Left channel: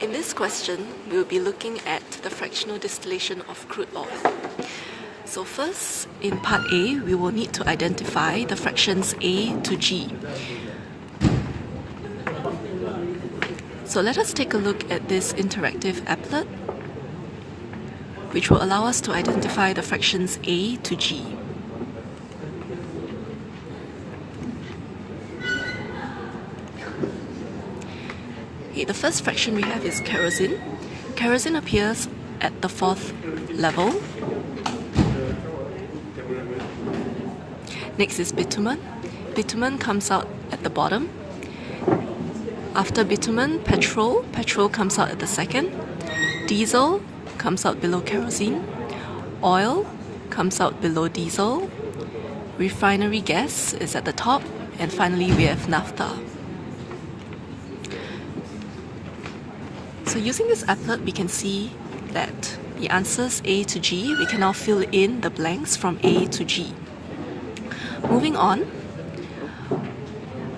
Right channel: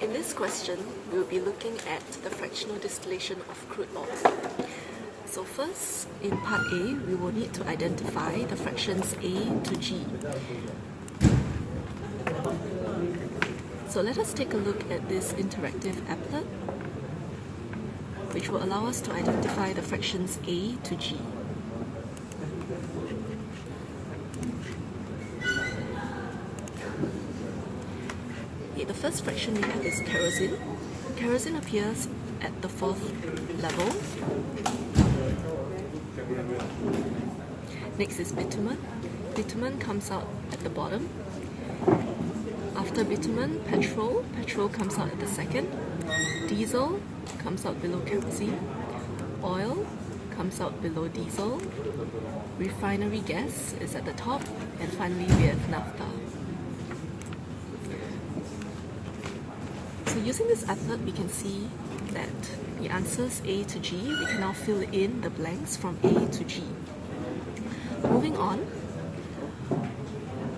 In this question, we will be looking at the fractional distillation of crude oil. So first, in part A, we will need to identify the fractions A to G. So let us take a look at this interactive applet, which will allow us to identify the fractions A to G. Okay, the first fraction we have is kerosene. Kerosene appears at the fourth level. Next is bitumen. Bitumen comes out at the bottom. After bitumen, petrol. Petrol comes out at the second. Diesel comes out below kerosene. Oil comes out below diesel. Refinery gas is at the top. And finally, we have naphtha. So using this applet, we can see that the answers A to G, we can now fill in the blanks from A to G. Moving on,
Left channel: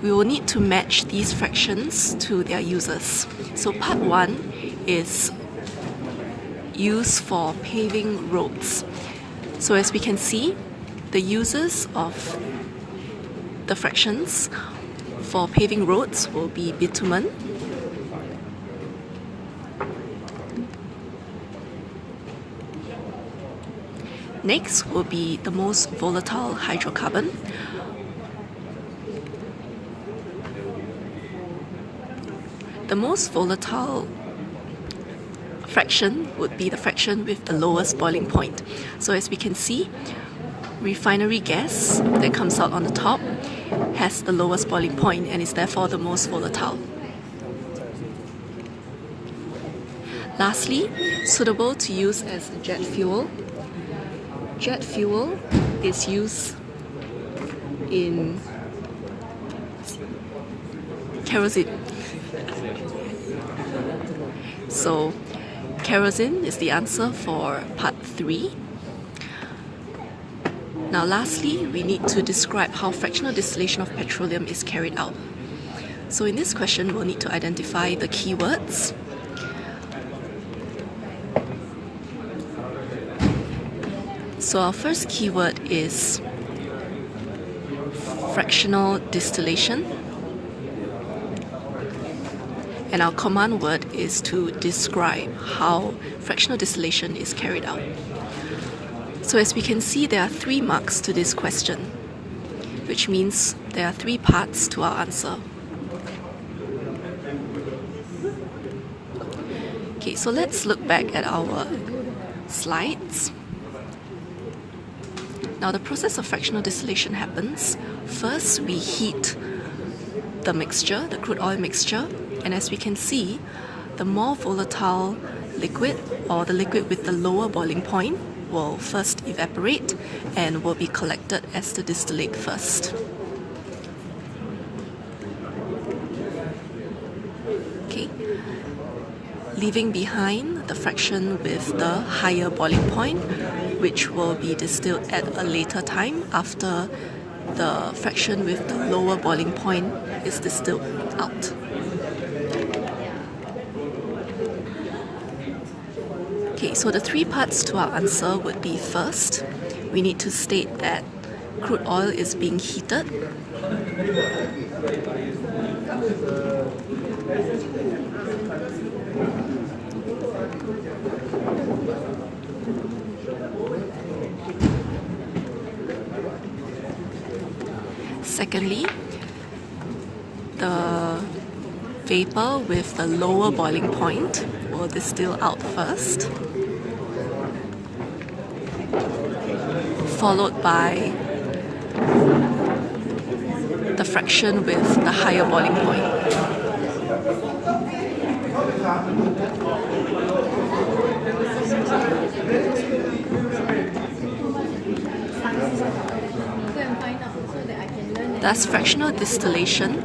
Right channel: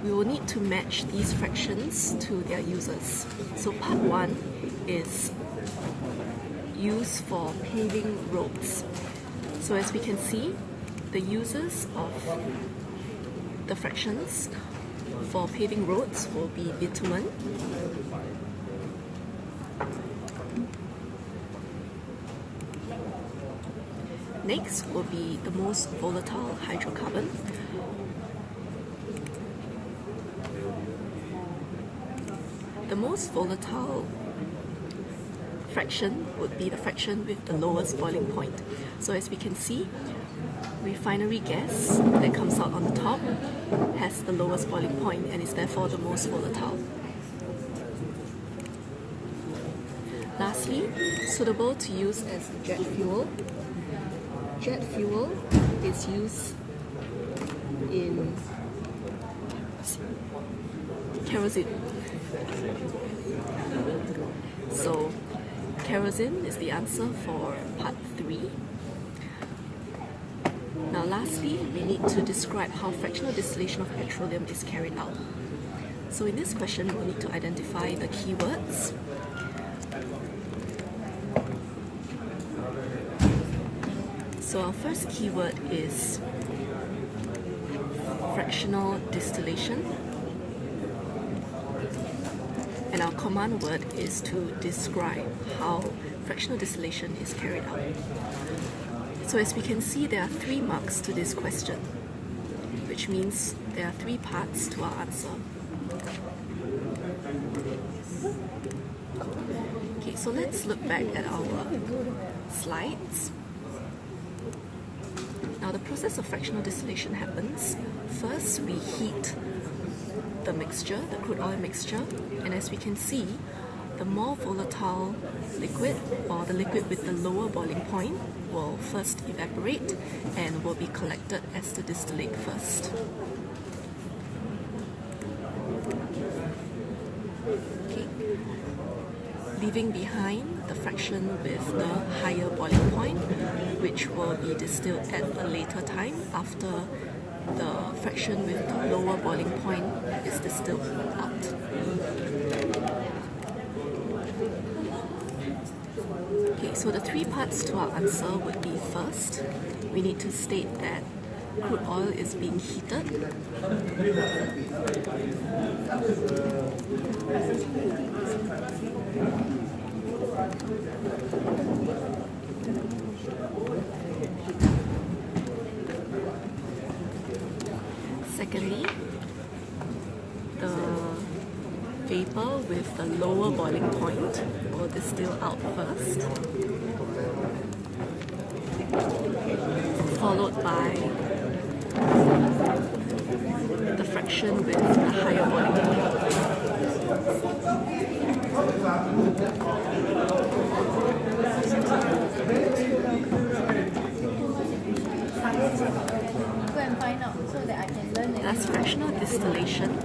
we will need to match these fractions to their users. So part 1 is used for paving roads. So as we can see, the users of the fractions for paving roads will be bitumen, next will be the most volatile hydrocarbon. The most volatile fraction would be the fraction with the lowest boiling point. So as we can see, refinery gas that comes out on the top has the lowest boiling point and is therefore the most volatile. Lastly, suitable to use as jet fuel. Jet fuel is used in kerosene. So kerosene is the answer for part 3. Now lastly, we need to describe how fractional distillation of petroleum is carried out. So in this question, we'll need to identify the keywords. So our first keyword is fractional distillation, and our command word is to describe how fractional distillation is carried out. So as we can see, there are 3 marks to this question, which means there are 3 parts to our answer. Okay, so let's look back at our slides. Now the process of fractional distillation happens. First, we heat the mixture, the crude oil mixture, and as we can see, the more volatile liquid, or the liquid with the lower boiling point, will first evaporate and will be collected as the distillate first. Okay, leaving behind the fraction with the higher boiling point, which will be distilled at a later time after the fraction with the lower boiling point is distilled out. Okay, so the 3 parts to our answer would be: first, we need to state that crude oil is being heated. Secondly, the vapor with the lower boiling point will distill out first, followed by the fraction with the higher boiling point. Thus, fractional distillation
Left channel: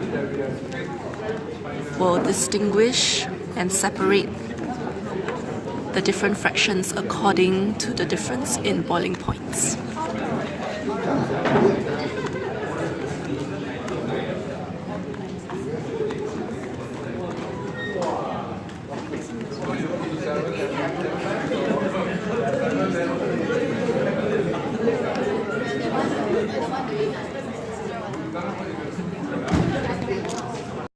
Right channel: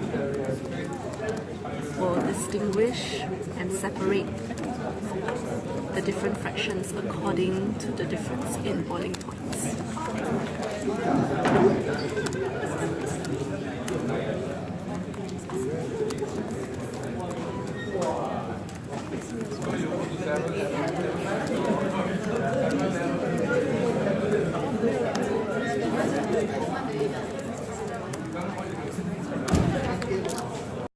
will distinguish and separate the different fractions according to the difference in boiling points.